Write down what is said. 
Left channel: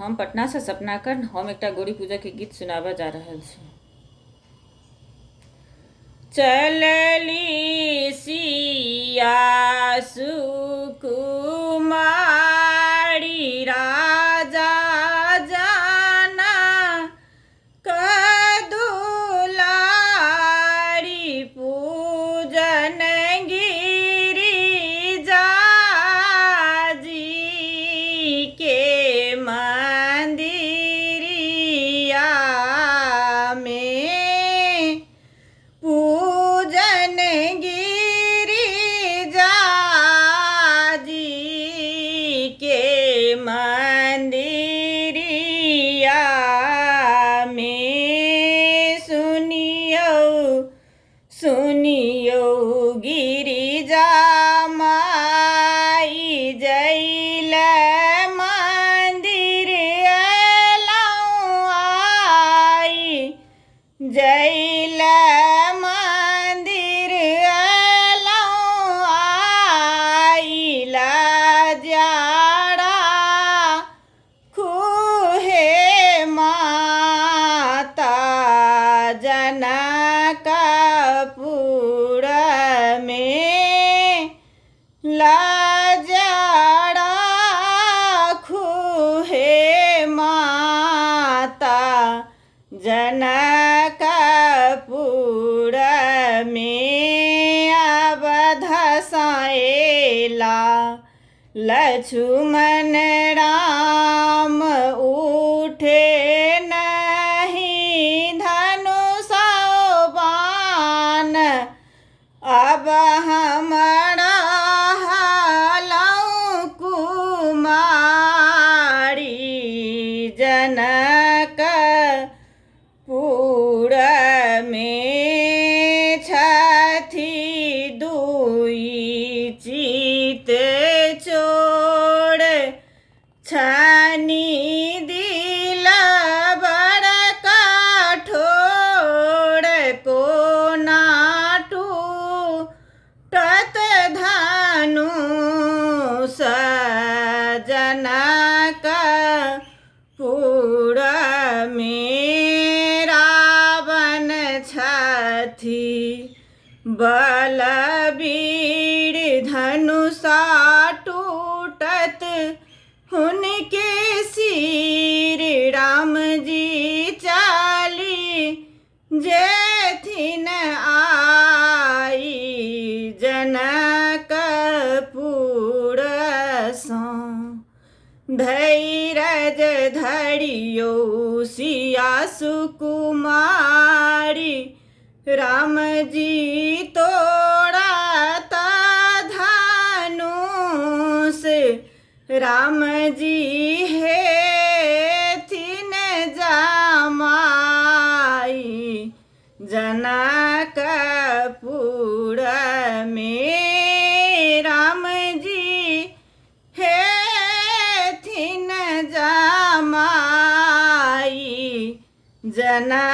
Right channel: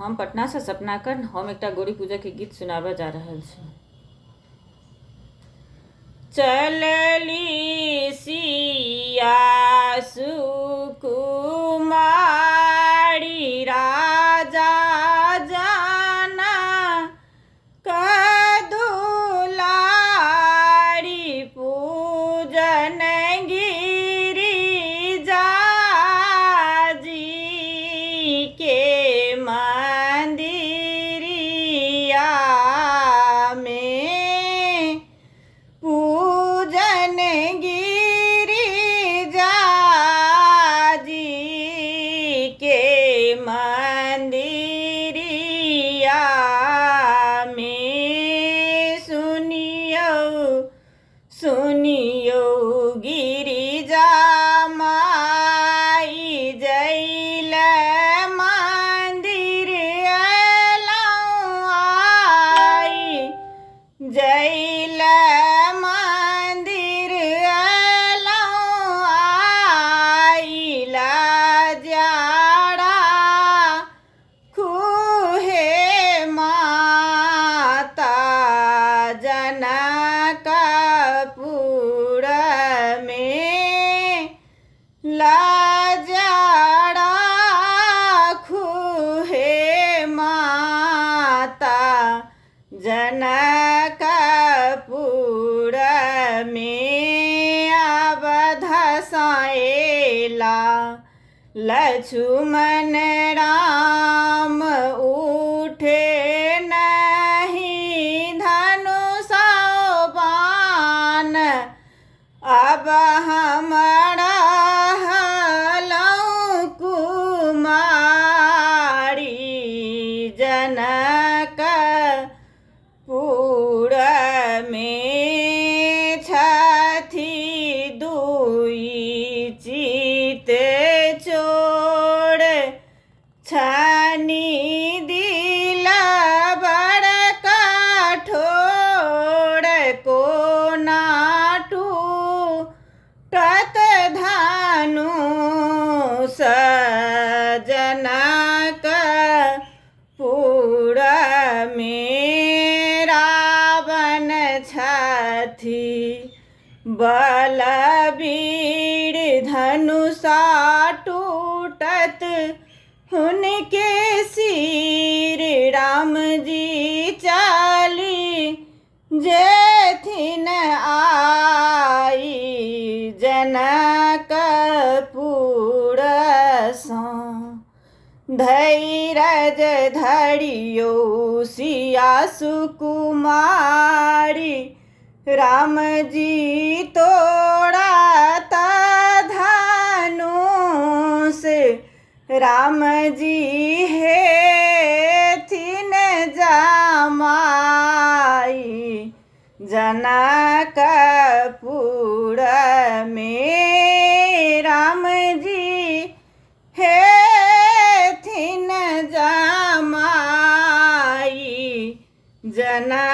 हम पटना से सपना कर हम एक गौरी पूजा के गीत सुनाबा जा रहल छी। चलली सिया सुकुमारी राजा जाना कदुलारी पूजन गिरिजा जी के मंदिरिया में पूजन गिरिजा जी के मंदिरिया में सुनियो गिरिजा माई जैल मंदिर अयलौं आई जैल मंदिर अयलौं आइला जाड़ा खुहे माता जनकपुर में लाजाड़ा खुहे माता जनकपुर में अवधसाएला लक्ष्मण राम उठे नहीं धनुषा बाण अब हमरा हलौं कुमारी जनकपुर में छथि दुई चित चोर छानी दिल बड़ कठोर कोना टूटत धनुष जनकपुर में रावण छथि बलवीर धनुषा टूटत हुनके सिर राम जी चली जेथिन आई जनकपुर सँ धैर्य धरियो सिया सुकुमारी राम जी तोड़त धनुष राम जी हेथिन जमाई जनकपुर में राम जी हेथिन जमाई जना